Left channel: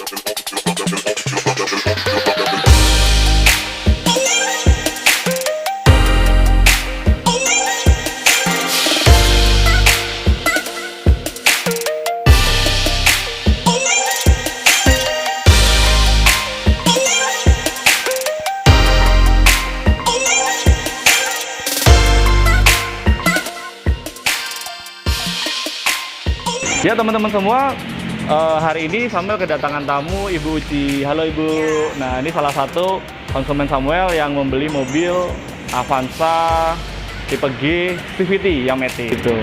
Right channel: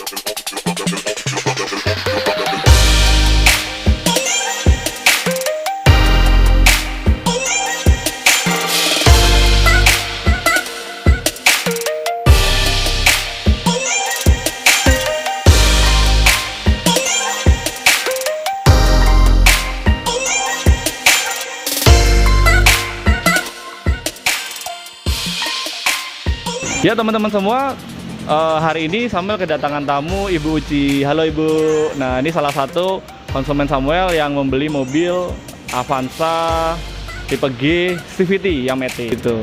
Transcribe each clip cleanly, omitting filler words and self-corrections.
Ya teman-teman semua, hari ini Samuel kedatangan tamu Ibu Uci. Halo Ibu. Nah, ini salah satu konsumen Samuel yang membeli mobil Avanza tipe G CVT yang matic itu.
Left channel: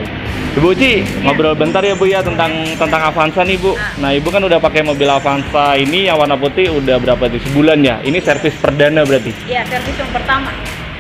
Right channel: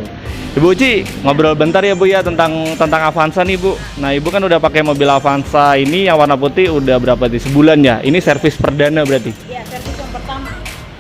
Ibu Uci, ngobrol bentar ya Bu ya tentang Avanza nih Bu. Nah, Ibu kan udah pakai mobil Avanza ini yang warna putih udah berapa sih? Sebulan ya? Ini servis perdana berarti? Iya, servis yang pertama.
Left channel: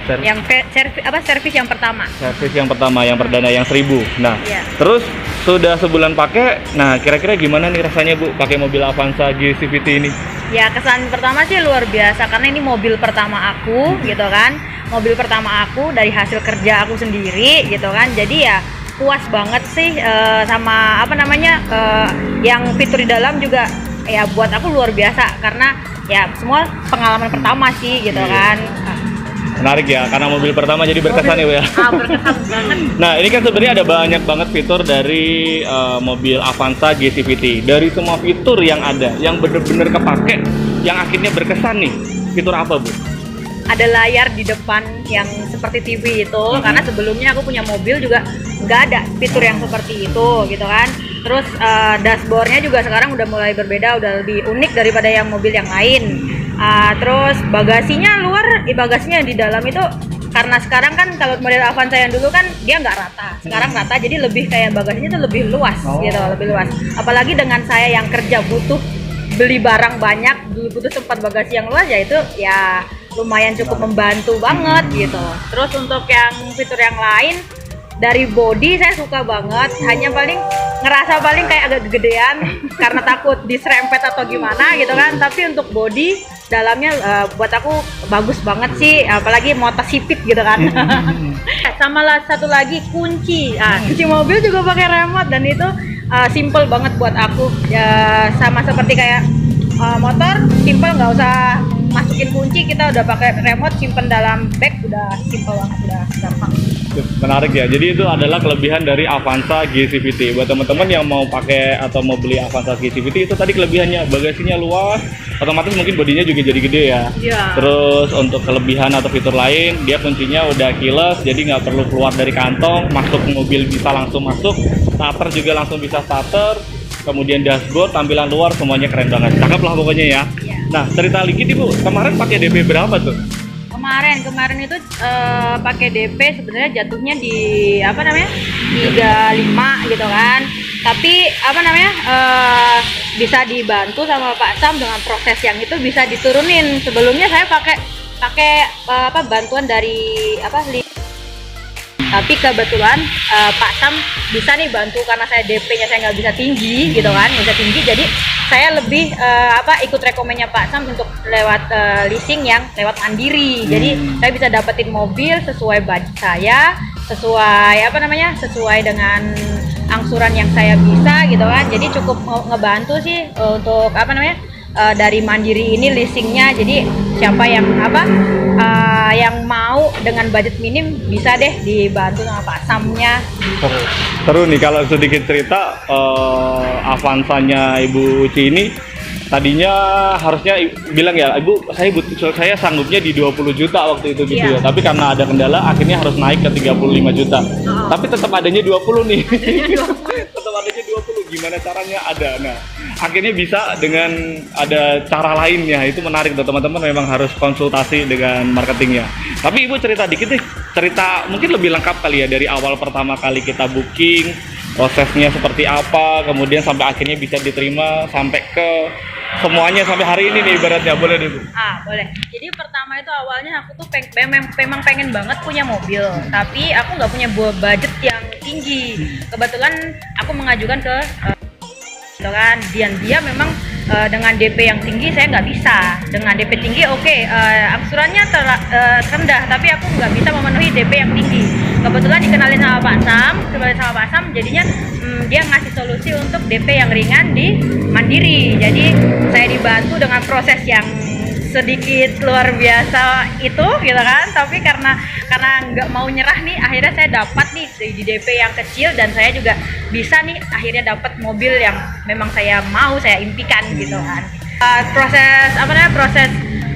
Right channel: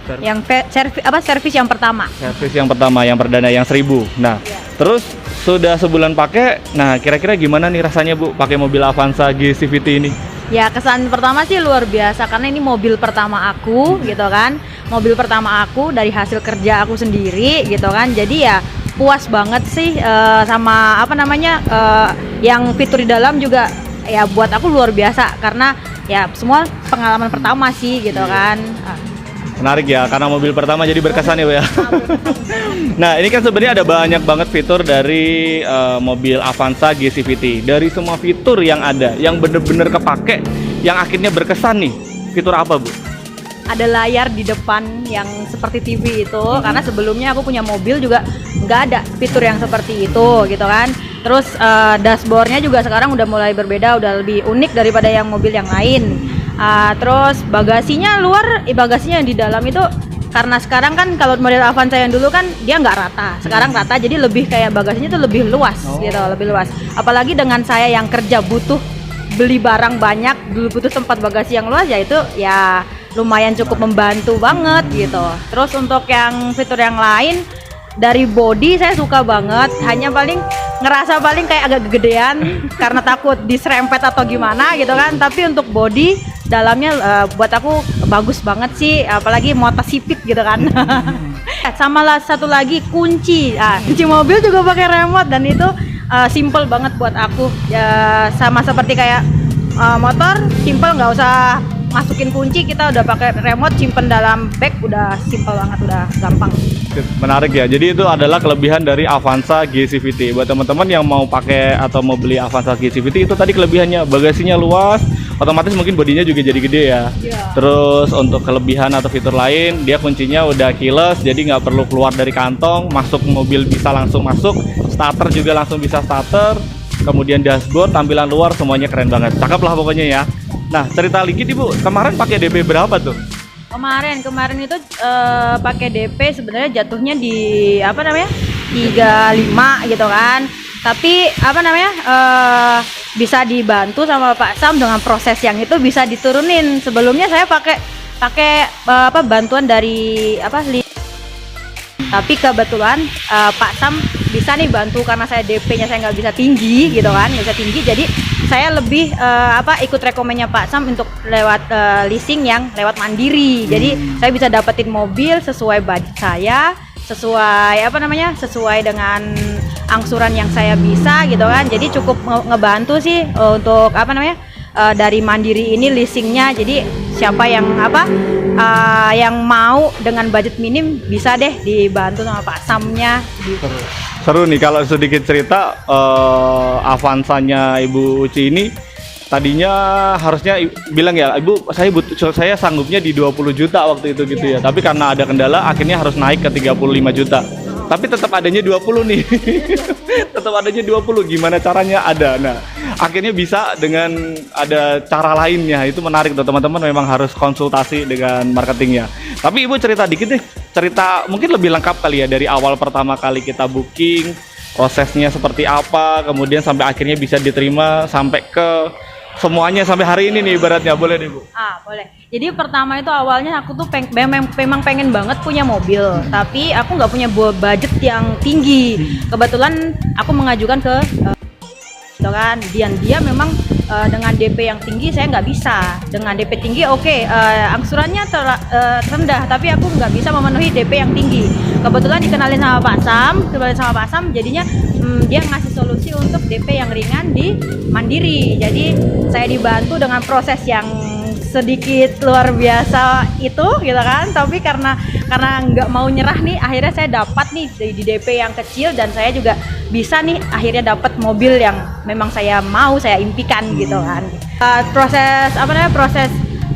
Servis yang pertama. Servis yang pertama, yang perdana, yang 1000. Nah, ya. Terus sudah sebulan pakai. Nah, kira-kira gimana nih rasanya Bu pakai mobil Avanza G CVT ini? Ya, kesan pertama sih luar biasa karena ini mobil pertama aku, gitu kan. Mobil pertama aku dari hasil kerja aku sendiri, gitu kan. Jadi ya puas banget sih sama yang fitur di dalam juga ya buat aku luar biasa karena ya semua pengalaman pertama sih, gitu kan. Menarik ya, karena mobil pertama jadi berkesan ya Bu ya. Berkesan banget. Nah, ini kan sebenarnya ada banyak banget fitur dari mobil Avanza G CVT. Dari semua fitur yang ada, yang bener-bener kepake, yang akhirnya berkesan nih, fitur apa Bu? Ada layar di depan yang seperti TV itu, karena sebelumnya aku punya mobil juga nggak ada fitur yang seperti itu, gitu kan. Terus dashboardnya juga sekarang udah mulai berbeda, udah lebih unik daripada yang mobil yang lain. Terus bagasinya bagasinya yang di dalam itu karena sekarang kan kalau model Avanza yang dulu kan dia nggak rata, sekarang rata, jadi lebih kayak bagasinya itu lebih luas, gitu, lebih luas. Apalagi dengan saya yang kerja butuh beli barang banyak, dulu butuh tempat bagasi yang luas, ya itu ya lumayan cukup membantu banget gitu. Terus untuk yang fitur yang lain dari body saya suka banget, hanya ngerasa kayak agak kegedean karena takut diserempet atau gimana gitu kan. Tapi untuk body dalamnya buat aku bagus banget sih, apalagi motor sipit gitu kan. Sama satu lagi kunci mobil juga pakai remote dan itu simple banget buat aku ya, sama seperti kayak motor simple, nggak usah masukin kunci, kita udah pakai remote, simpen dalam bag, udah simple banget, udah gampang. Menarik ya, jadi itu adalah kelebihan dari Avanza G CVT. Buat teman-teman yang mau pakai atau mau beli Avanza G CVT, itu tadi kelebihannya, bagasinya luas, otomatis mungkin bodinya juga jadi gede ya. Terus untuk kelebihan atau fitur lain, dia kuncinya udah keyless, jadi nggak perlu keluar dari kantong, masuk mobil bisa langsung masuk, starter juga langsung bisa starter. Kemudian dashboard, tampilan luar, semuanya keren banget, cakep lah pokoknya ya. Nah, cerita dikit Ibu, kemarin pakai DP berapa tuh? Kemarin itu pakai DP sebenarnya jatuhnya di 35 gitu kan. Tapi bisa dibantu sama Pak Sam dengan proses yang itu bisa diturunin. Sebelumnya saya pakai bantuan dari tapi kebetulan Pak Sam bisa nih bantu karena saya DP-nya saya nggak bisa tinggi gitu kan, nggak bisa tinggi, jadi saya lebih ikut rekomennya Pak Sam untuk lewat leasing yang lewat mandiri. Jadi saya bisa dapetin mobil sesuai budget saya, sesuai dengan angsuran yang saya bisa gitu kan. Jadi cukup ngebantu sih untuk dari mandiri ini leasingnya. Jadi siapa yang yang mau dengan budget minim bisa deh dibantu sama Pak Samnya gitu. Seru nih kalau sedikit cerita, Avanzanya Ibu Uci ini tadinya harusnya bilang ya, Ibu saya sanggupnya di 20 juta waktu itu gitu ya. Tapi karena ada kendala akhirnya harus naik ke 35 juta. Tapi tetap adanya 20 nih. Tetap adanya 20. Gimana caranya ada. Nah, akhirnya bisa dengan ada cara lainnya. Itu menarik tuh teman-teman, memang harus konsultasi dengan marketingnya. Tapi Ibu cerita dikit nih. Cerita mungkin lebih lengkap kali ya, dari awal pertama kali kita booking, prosesnya seperti apa, kemudian sampai akhirnya bisa diterima sampai ke semuanya sampai hari ini nih ibaratnya. Boleh deh Bu? Boleh. Jadi pertama itu awalnya aku tuh memang pengen banget punya mobil, tapi aku nggak punya budget yang tinggi. Kebetulan aku mengajukan ke gitu kan, dia memang dengan DP yang tinggi saya nggak bisa. Dengan DP tinggi angsurannya rendah, tapi aku nggak bisa memenuhi DP yang tinggi. Kebetulan dikenalin sama Pak Sam, jadinya dia ngasih solusi untuk DP yang ringan di mandiri. Jadi saya terbantu dengan proses yang sedikit luar biasa itu gitu kan, tapi karena nggak mau nyerah nih, akhirnya saya dapat nih di DP yang kecil, dan saya juga bisa nih akhirnya dapat mobil yang memang saya impikan gitu kan.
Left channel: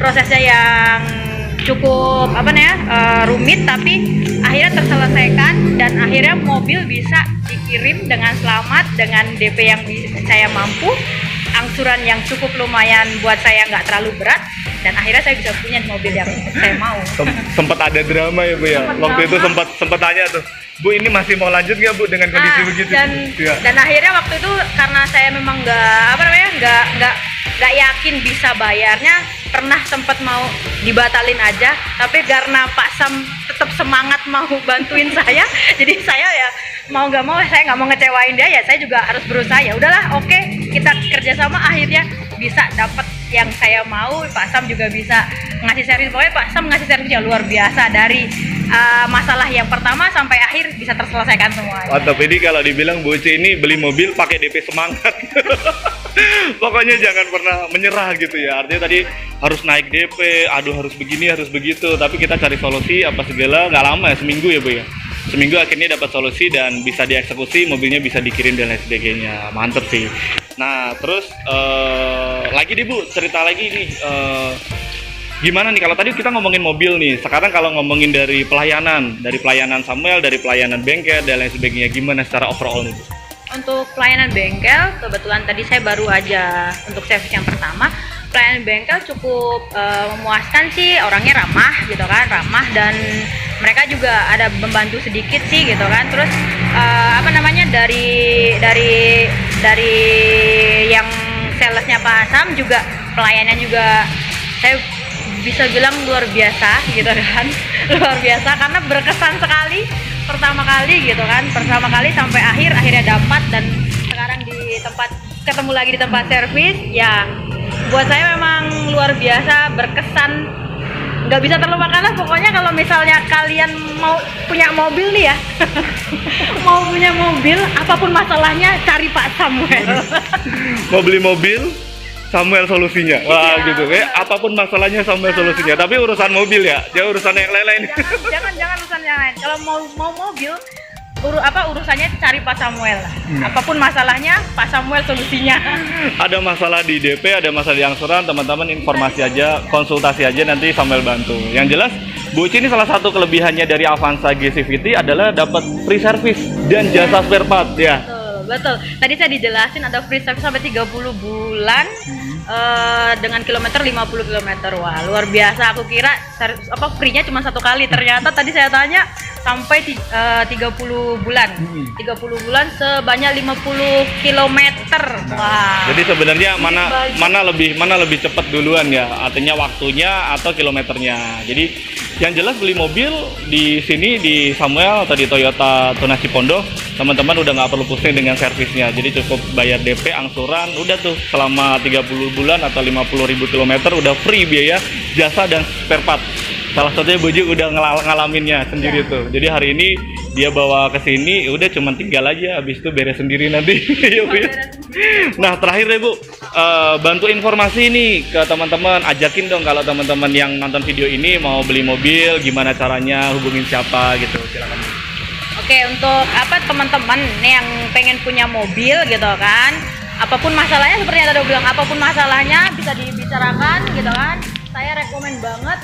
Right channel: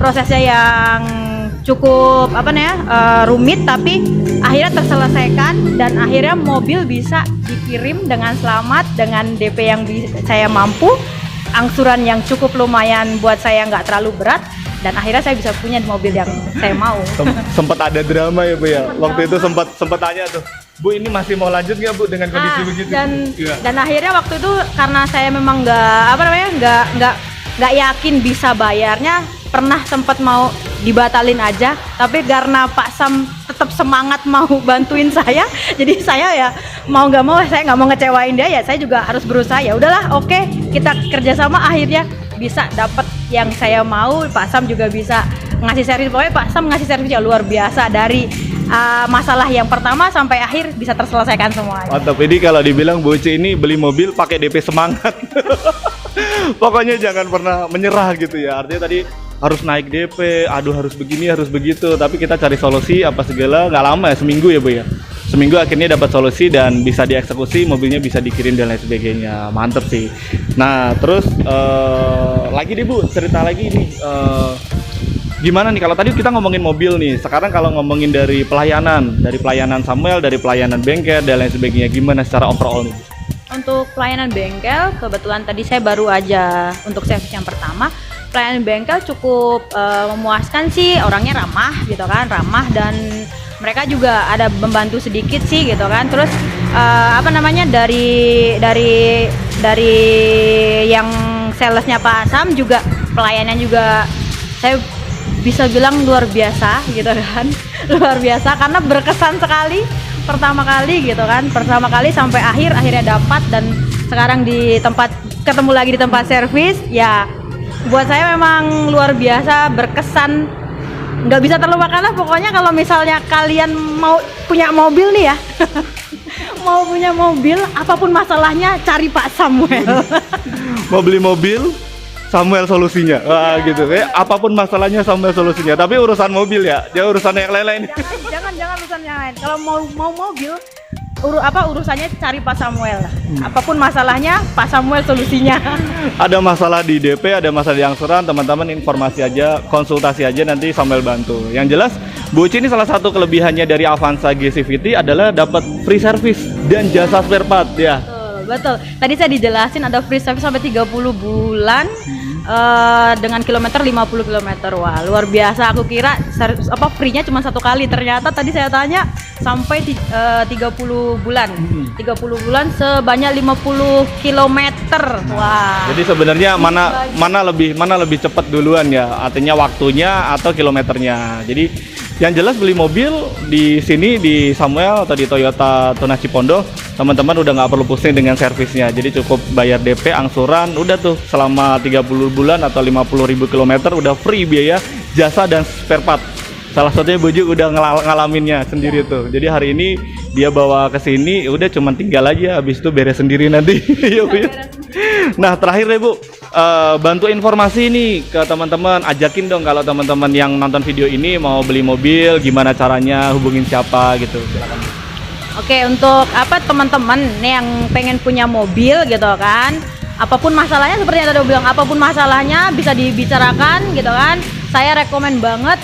Prosesnya yang cukup rumit, tapi akhirnya terselesaikan dan akhirnya mobil bisa dikirim dengan selamat dengan DP yang saya mampu, angsuran yang cukup lumayan buat saya, nggak terlalu berat, dan akhirnya saya bisa punya mobil yang saya mau. Sempat ada drama ya Bu ya. Waktu itu sempat tanya tuh, Bu ini masih mau lanjut nggak Bu dengan kondisi begitu? Dan akhirnya waktu itu karena saya memang nggak yakin bisa bayarnya, pernah sempat mau dibatalin aja, tapi karena Pak Sam tetap semangat mau bantuin saya, jadi saya ya mau nggak mau, saya nggak mau ngecewain dia, ya saya juga harus berusaha. Ya udahlah, oke, kita kerjasama, akhirnya bisa dapat yang saya mau. Pak Sam juga bisa ngasih servis, pokoknya Pak Sam ngasih servis yang luar biasa, dari masalah yang pertama sampai akhir bisa terselesaikan semua. Mantap. Ini kalau dibilang Bu Uci ini beli mobil pakai DP semangat. Pokoknya jangan pernah menyerah gitu ya. Artinya tadi harus naik DP, aduh harus begini, harus begitu, tapi kita cari solusi apa segala, nggak lama ya, seminggu ya Bu ya. Seminggu akhirnya dapat solusi dan bisa dieksekusi, mobilnya bisa dikirim dan lain sebagainya. Mantep sih. Nah terus lagi nih Bu, cerita lagi nih, gimana nih kalau tadi kita ngomongin mobil nih, sekarang kalau ngomongin dari pelayanan Samuel, dari pelayanan bengkel dan lain sebagainya, gimana secara overall nih Bu? Untuk pelayanan bengkel, kebetulan tadi saya baru aja untuk servis yang pertama. Pelayanan bengkel cukup memuaskan sih, orangnya ramah gitu kan, dan mereka juga ada membantu sedikit sih gitu kan. Terus dari yang salesnya Pak Asam juga, pelayanan juga saya bisa bilang luar biasa gitu kan. Luar biasa karena berkesan sekali pertama kali sampai akhirnya dapat, dan sekarang ketemu lagi di tempat servis, ya buat saya memang luar biasa, berkesan, nggak bisa terlupakan lah. Pokoknya kalau misalnya kalian mau punya mobil nih ya, mau punya mobil, apapun masalahnya cari Pak Samuel. Mau beli mobil, Samuel solusinya. Wah gitu. Apapun masalahnya Samuel solusinya. Tapi urusan mobil ya, jangan urusan yang lain-lain. Jangan urusan yang lain. Kalau mau mobil, urusannya cari Pak Samuel. Apapun masalahnya, Pak Samuel solusinya. Ada masalah di DP, ada masalah di angsuran, teman-teman informasi aja, konsultasi aja, nanti Samuel bantu. Yang jelas, Bu Uci ini salah satu kelebihannya dari Avanza GCVT adalah dapat free service dan jasa spare part ya. Betul. Tadi saya dijelasin ada free service sampai 30 bulan dengan kilometer 50 km. Wah, luar biasa. Aku kira free-nya cuma 1 kali. Ternyata tadi saya tanya sampai 30 bulan. 30 bulan sebanyak 50 km. Wah. Jadi sebenarnya mana lebih cepat duluan ya? Artinya waktunya atau kilometernya. Jadi yang jelas beli mobil di sini di Samuel atau di Toyota Tunas Cipondo, teman-teman udah nggak perlu pusing dengan servisnya. Jadi cukup bayar DP, angsuran, udah tuh selama 30 bulan atau 50.000 km udah free biaya jasa dan spare part. Salah satunya Bu Uci udah ngalaminnya sendiri tuh. Jadi hari ini dia bawa ke sini, udah cuman tinggal aja, habis itu beres sendiri nanti. Ya, Bu. Nah terakhir deh Bu, bantu informasi nih ke teman-teman, ajakin dong kalau teman-teman yang nonton video ini mau beli mobil, gimana caranya, hubungin siapa gitu, silakan. Oke, untuk teman-teman yang pengen punya mobil gitu kan, apapun masalahnya, seperti yang tadi aku bilang, apapun masalahnya bisa dibicarakan gitu kan. Saya rekomen banget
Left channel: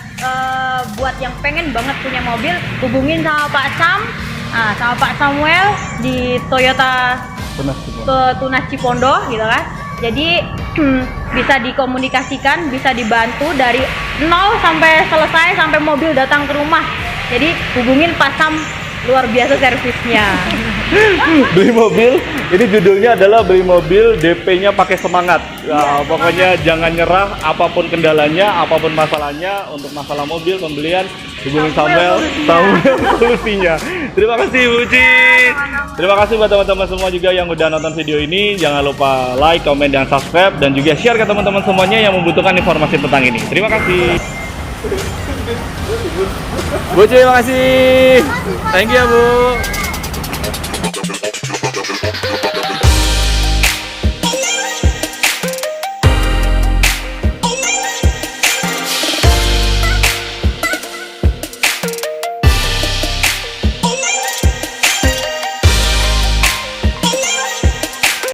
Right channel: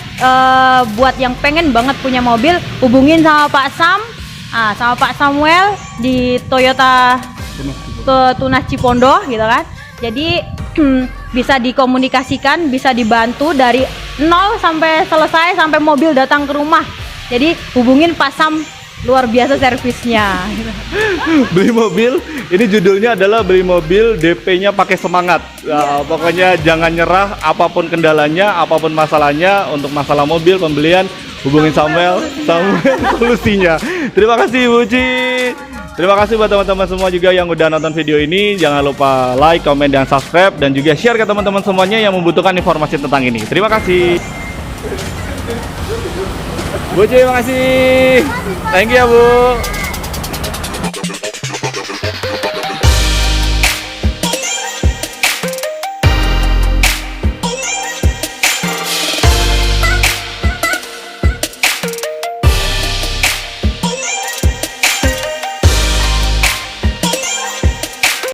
buat yang pengen banget punya mobil, hubungin sama Pak Sam, sama Pak Samuel di Toyota Tunas Cipondo gitu kan. Jadi bisa dikomunikasikan, bisa dibantu dari nol sampai selesai, sampai mobil datang ke rumah. Jadi hubungin Pak Sam, luar biasa servisnya. Beli mobil, ini judulnya adalah beli mobil DP-nya pakai semangat. Nah, pokoknya jangan nyerah, apapun kendalanya, apapun masalahnya. Untuk masalah mobil pembelian, hubungin Samuel solusinya. Terima kasih Bu Uci. Terima kasih buat teman-teman semua juga yang udah nonton video ini. Jangan lupa like, comment, dan subscribe, dan juga share ke teman-teman semuanya yang membutuhkan informasi tentang ini. Terima kasih. Bu Uci, terima kasih. Thank you ya Bu.